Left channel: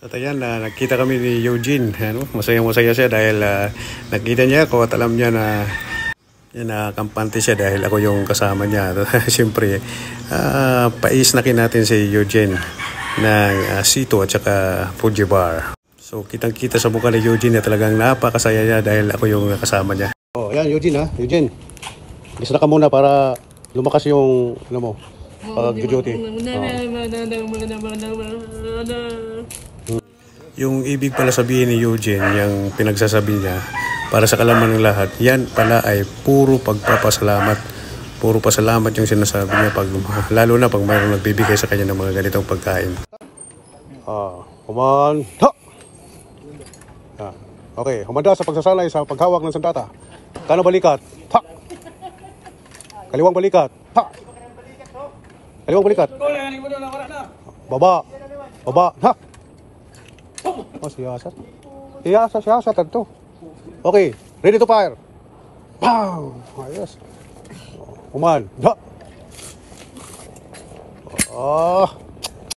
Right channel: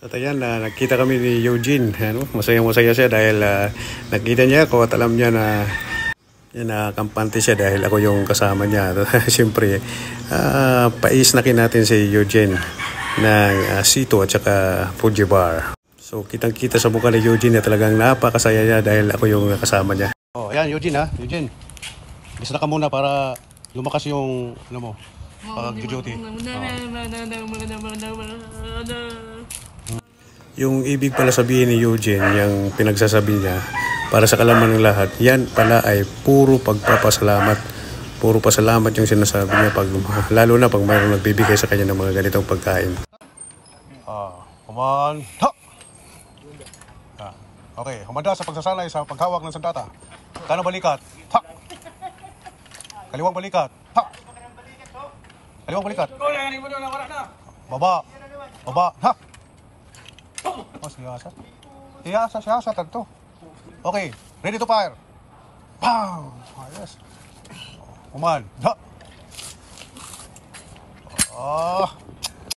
At ayan, nakita kami ni Eugene. Ano? Masayang-masaya siya dahil nakita niya ako at alam niya na kampante siya dahil ako yung kasama niya. Siyempre, paisnakin natin si Eugene ng Sito at saka Fuji Bar. So, kitang-kita sa mukha ni Eugene na talagang napakasaya niya dahil ako yung kasama niya. Oh, ayan, Eugene ha. Eugene, lista ka muna para lumakas yung, ano mo, pag-duty. Yung ibig pala sabihin ni Eugene, yung pinagsasabi niya, para sa kalaman ng lahat, yan pala ay puro pagpapasalamat. Puro pasalamat yung sinasabi niya, lalo na pag mayroong nagbibigay sa kanya ng mga ganitong pagkain. Kuman, ha! Okay, humanda sa pagsasalay sa paghawak ng sandata. Kanang balikat, ha! Kaliwang balikat, ha! Kaliwang balikat. Baba, baba, ha! Oh, siyasat. Siyasat ito. Okay, ready to fire. Pow! Ayos. Kuman. Ha!